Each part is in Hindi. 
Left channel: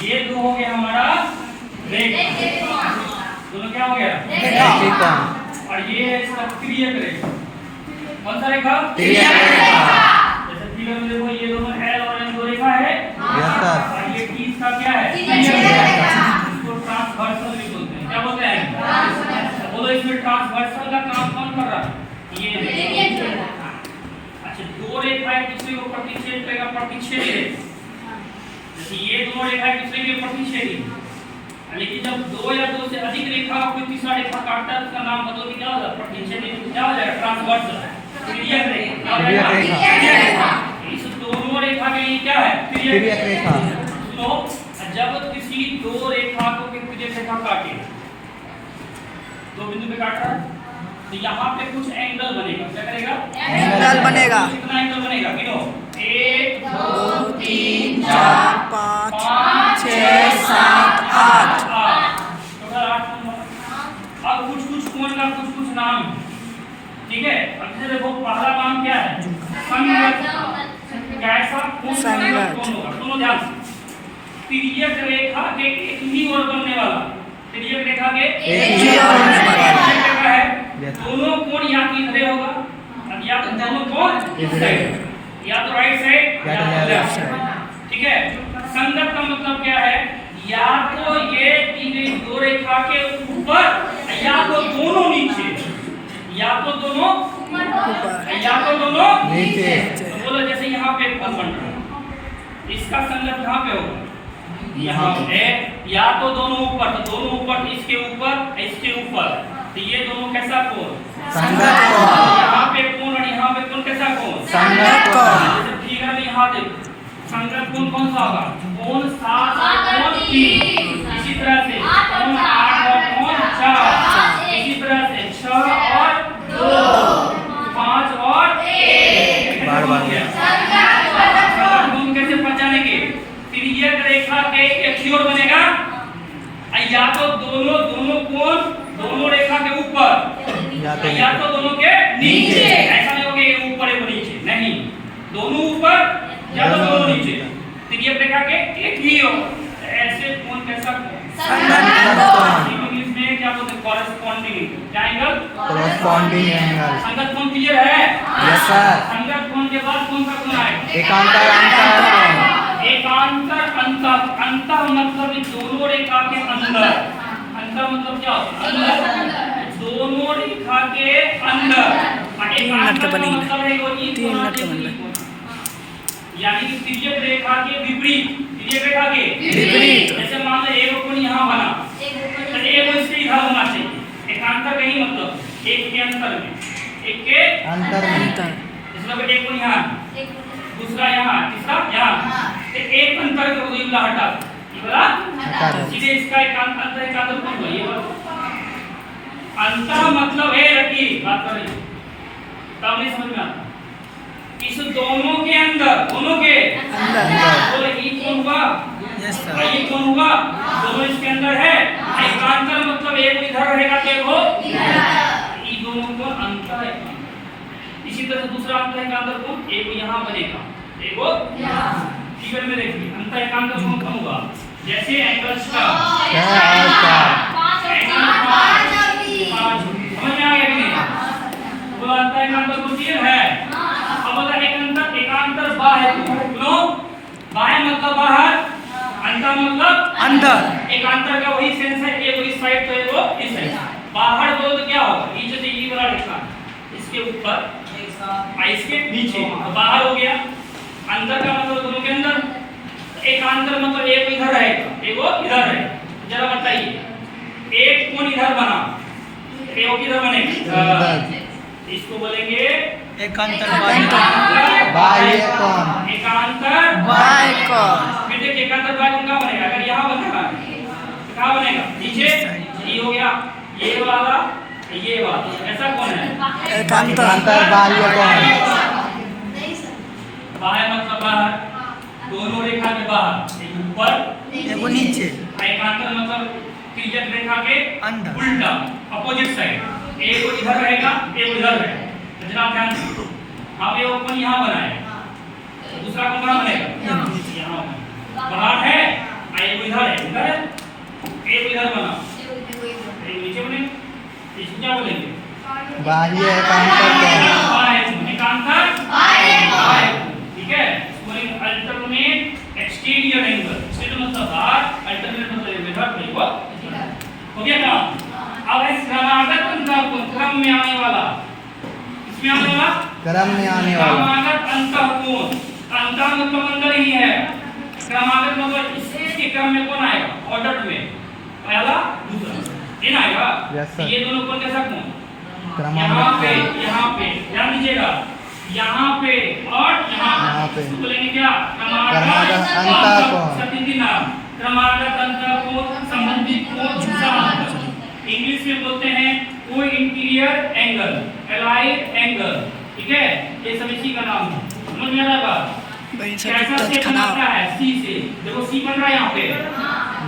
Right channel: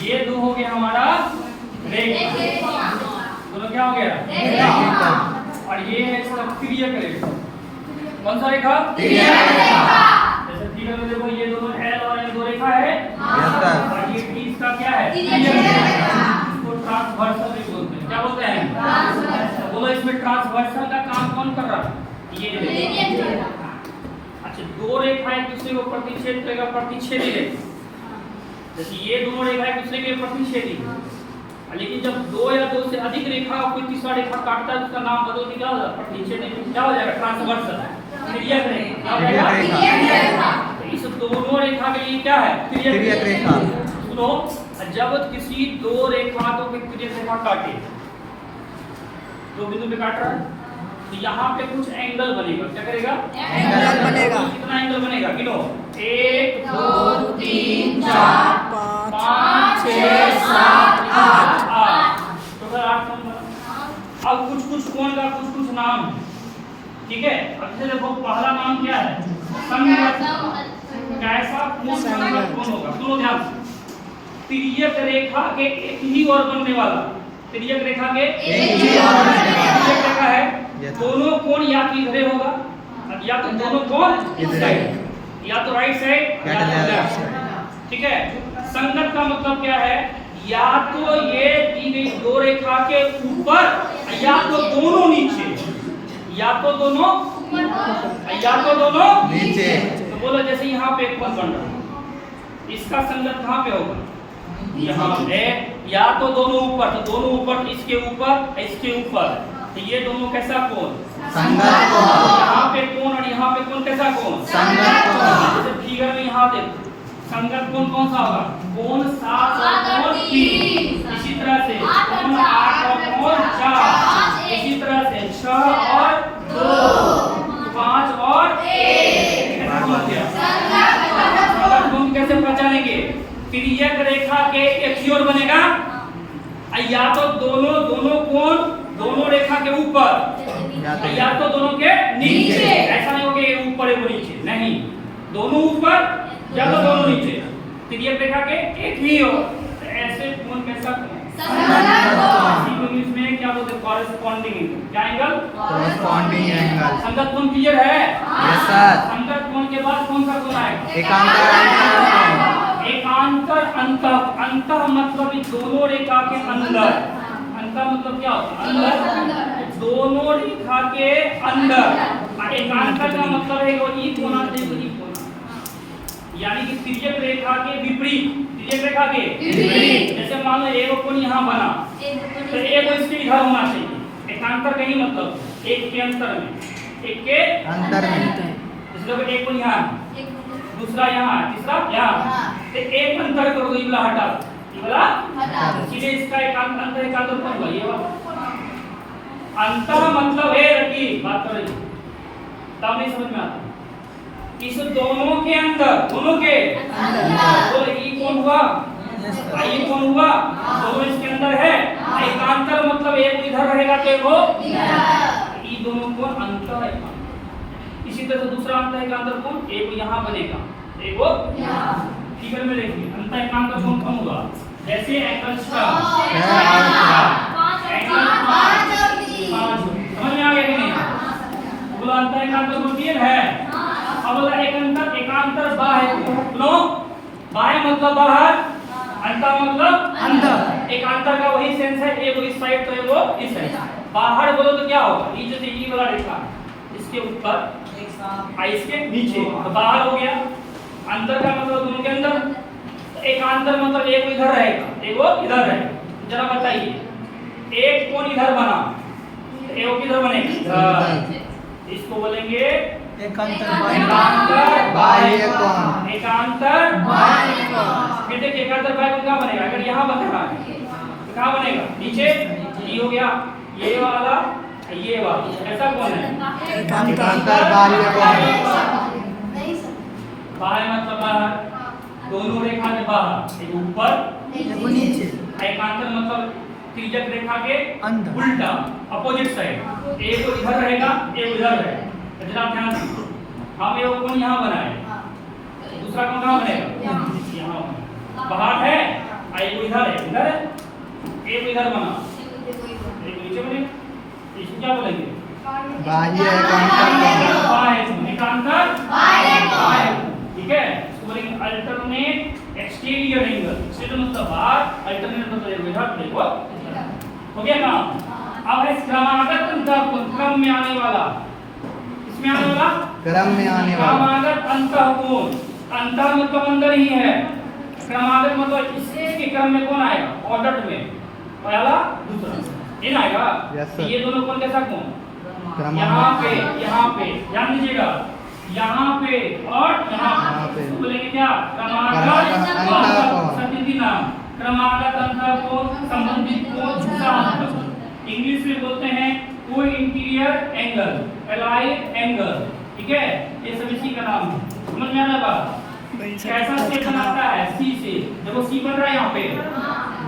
ये दो हो गया हमारा रेखा, दोनों क्या हो गया रेखा। और ये है इसका तिर्यक रेखा। कौन सा रेखा? तिर्यक रेखा। जैसे फिगर में देखो ये दोनों L और N दो रेखा है और ये T इसका क्या है? तिर्यक रेखा। इसको ट्रांसवर्सल भी बोलते हैं। क्या बोलते हैं? बोलो इसमें ट्रांसवर्सल का काम कौन कर रहा है? ये अच्छा, दो रेखाएं दूसरे को प्रतिच्छेद करेगा, प्रतिच्छेदी रेखा। जैसे ये दोनों रेखाएं दूसरे के प्रतिच्छेदी, लेकिन जब दो या दो से अधिक रेखा कोई तीसरा रेखा काटता है तो उसका नाम बदल के क्या हो जाएगा? प्रतिच्छेदी, क्या हो जाएगा? ट्रांसवर्सल, तिर्यक रेखा। क्या हो जाएगा? तिर्यक रेखा। इस दोनों रेखा के लिए क्या है? तिर्यक रेखा। सुनो, जब किसी दो रेखा को कोई तिर्यक रेखा काटे, दो बिंदु पे काट रहा है तो यहाँ पे कुछ एंगल बनेगा। क्या करेगा? एंगल बनेगा। कितना एंगल बनेगा? गिनो। 1 2 3 4 5 6 7 8 टोटल 8 नंबर। अब कुछ कोण का कुछ नाम, ठीक है। अब जैसे देखो पहला नाम क्या है? संगत। कैसा कोण? संगत। सुनो ध्यान से, तिर्यक रेखा के एक ही ओर बनने वाला, तिर्यक रेखा के एक ही ओर बनने वाला तिर्यक रेखा है। दोनों कोण या तो इधर होगा या तो दोनों कोण इस साइड, या तो राइट साइड या तो लेफ्ट साइड, ठीक है। संगत का मतलब क्या है? या तो ये दी गई दो रेखा के ऊपर या तो दोनों नीचे, या तो दोनों ऊपर या तो दोनों नीचे। तो बोलो जैसे यहाँ पे एक पद बन रहा है, इसका संगत कहाँ पे होगा? यहाँ है। या तो दोनों ऊपर, तो दोनों ऊपर, इसके ऊपर इसके ऊपर, तो ये दोनों कैसा कोण? संगत कोण। यहाँ पे कोण और यहाँ पे कोण कैसा कोण? संगत कोण। जैसे फिगर में यहाँ देखो संगत कोण कौन सा होगा? कोण 7 और कोण 3। इसी तरह से कोण 8 और कोण 4। इसी तरह से 6 और 2, 5 और 1। कैसे बन गया? संगत कोण कैसे पहचानेंगे? तिर्यक रेखा के एक ही ओर बनेगा, या तो दोनों कोण दोनों रेखा के ऊपर या तो दोनों के नीचे। ऐसा नहीं होगा ये ऊपर है वो नीचे, नहीं, दोनों ऊपर या तो दोनों नीचे। तिर्यक रेखा के एक ही हो, ऐसे कोण कैसा संगत। इंग्लिश में क्या बोलते हैं? कॉरेस्पॉन्डिंग। क्या एंगल? Corresponding angle. संगत कोण क्लियर है? Yes sir. संगत कोण के बाद कौन सा कोण आएगा? एकांतर अंतः। अंतः मतलब दोनों रेखा के अंदर। अंतः मतलब क्या होता है? अंदर, दोनों रेखा के अंदर। एकांतर का मतलब है वो ई कोण और ई कोण, यानी कि तिर्यक रेखा के विपरीत। तिर्यक रेखा के विपरीत। जैसे मान लो एक कोण यहाँ बना तो एक इसके इधर होना चाहिए। एकांतर का ही मतलब एक के अंतर में, एक के अंतर। इसलिए एक कोण यहाँ, दूसरा यहाँ, तीसरा यहाँ, तो एक अंतर कर दो, ये वाला हटा दो, ये वाला सीधे इसका एकांतर अंतर एकांतर कौन हुआ? ये वाला अंतर मतलब है लकीर। बात कर रही तब नहीं समझ में आता। इस दोनों के अंदर, दोनों के अंदर तो ये कौन हुआ? Yes sir. ये कौन हुआ? दोनों इसके अंदर है। एकांतर मतलब एक इधर रहेगा तो वो इधर, ये दोनों को अंतर है। इसी तरह से दूसरा अंतर एकांतर कोण एक यहाँ बनेगा, एक वो यहाँ। फिगर में देखिए अंतर एकांतर कोण कौन हुआ? जैसे एंगल्स का 5 समझ में आ गया कि नहीं? बोला अंतर एकांतर कोण क्लियर है? अब बोला एकांतर बाह्य। सुनो, बाह्य मतलब बाहर, अंतर मतलब अंदर। एकांतर का वही सेंस है, एक इस साइड तो एक वो इस साइड। बाहर बोलो तो क्या होगा? ये जो ये वाला रेखा इसके ऊपर इसके नीचे तो बाहर हो गया। अंतर का मतलब दोनों के अंदर। एकांतर मतलब एक इधर रहेगा, एक वो इधर रहेगा। जरा बताइए, एक कोण इधर बना, एक किधर बनेगा? इसको बोलेंगे एकांतर बाह्य कोण। एकांतर बाह्य कोण। फिर देखिए एकांतर बाह्य कोण कहाँ बनेगा? अगर यहाँ बनेगा तो कहाँ बनेगा? नीचे। ये हो गया, ये वाला ये वाला ऐसा कौन है? एकांतर बाह्य कोण। बाह्य मतलब बाहर, दोनों रेखा के बाहर, एक ऊपर एक नीचे। एकांतर मतलब तिर्यक रेखा के अंदर, उल्टा अपोजिट साइड। एक इधर रहेगा, एक उधर रहेगा। तो जरा ध्यान दीजिए, हमने वो कोण यहाँ बनाया, दूसरा कोण कहाँ बनेगा? यहाँ बाहर है, इधर है, एक इधर बना, एक नीचे बने, इसको क्या बोलेंगे? बाह्य एकांतर बाह्य, ठीक है। इसको बोलेंगे अल्टरनेट एक्सटीरियर एंगल। एक्सटीरियर मतलब बाहर, अल्टरनेट मतलब विधर नहीं, हो गया काम। अब है क्रमागत अंतःकोण, क्रम में आने वाला, इसमें आने वाला क्रम में आने वाला क्रमागत अंतःकोण। अंतः मतलब अंदर ही है, क्रमागत मतलब इसके क्रम में कौन आएगा? ऑर्डर में पहला दूसरा इन आएगा। Yes, sir. ये दोनों कौन कैसा कोण? क्रमागत यहाँ पे ध्यान दीजिएगा, यहाँ पे और यहाँ पे। इसको बोलेंगे क्या? क्रमागत अंतःकोण। सतीन्द्री नाम क्रमागत अंतःकोण संबंधित कोण दूसरा अंतर। इंग्लिश में बोलते हैं को इंटीरियर एंगल, एलाइड एंगल, ठीक है। ये सब इसी का नाम है, समझ में आ रहा बात? भाई कैसा सब स्टेप खराब बनता है? सी से, देखो सी बन रहा है यहाँ पे,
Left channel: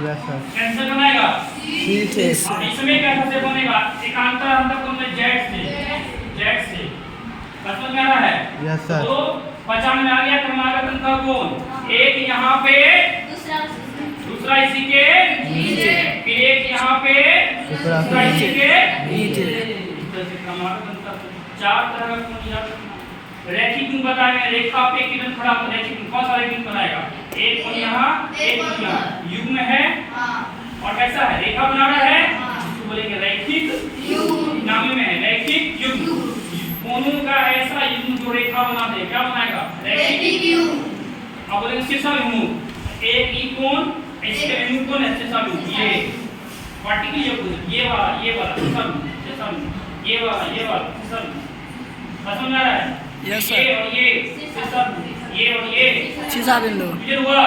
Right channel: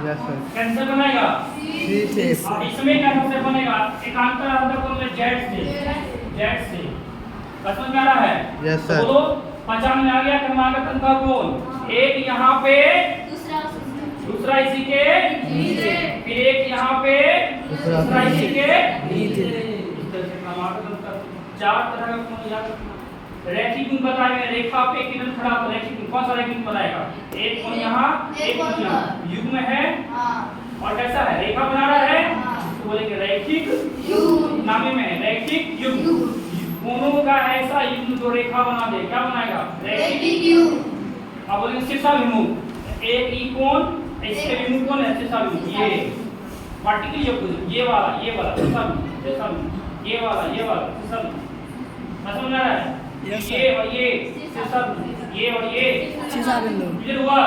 यस सर कैसे बनेगा? सी से अब इसमें कैसा से बनेगा? एकांतर अंतःकोण में जेड से समझ में आ रहा है? यस सर तो पहचान में आ गया क्रमागत अंतःकोण। एक यहाँ पे, दूसरा इसी के नीचे, फिर एक यहाँ पे, दूसरा इसी के नीचे। इस तरह से क्रमागत अंतःकोण। चार तरह का कोण याद रखना। रैखिक गुण बताएंगे, रेखा पे किरण खड़ा तो रैखिक गुण, कौन सा रैखिक गुण बनाएगा? एक कोण यहाँ, एक कोण यहाँ, युग्म है और कैसा है? रेखा बना रहा है, इसको बोलेंगे रैखिक युग्म। नामी में है रैखिक युग्म। कोनों का ऐसा युग्म जो रेखा बना दे, क्या बनाएगा? रैखिक युग्म। अब बोलेंगे शीर्षा विमुख। एक ही कोण, इसके विमुख कौन है? शीर्षा विमुख। ये वर्टिकल युग्म, ये वाला शीर्षा विमुख, ये वाला शीर्षा विमुख। समझ में आ रहा है? Yes sir. ये और ये शीर्षा विमुख, ये और ये शीशा बिंदु। क्लियर हुआ?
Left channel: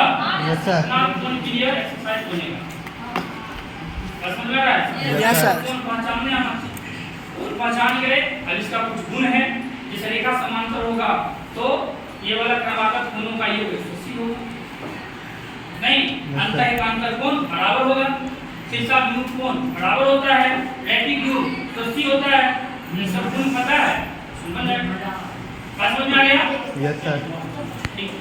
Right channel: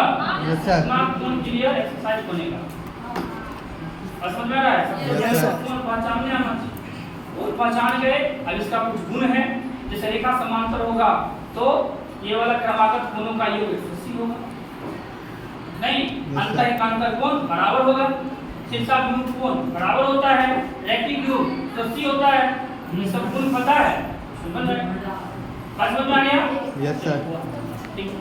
यस सर ना कौन क्लियर एक्सरसाइज बनेगा। समझ में आ रहा है? Yes sir. कौन पहचानने आना चाहिए, और पहचान गए। अब इसका कुछ गुण है, जैसे रेखा समांतर होगा तो ये वाला क्रमागत कोणों का योग 180 होगा, नहीं अंतः एकांतर कोण बराबर होगा, शीर्षा विमुख कोण बराबर होता है, रैखिक योग 180 होता है। ये सब गुण पता है, समझ में आ गया? यस सर ठीक।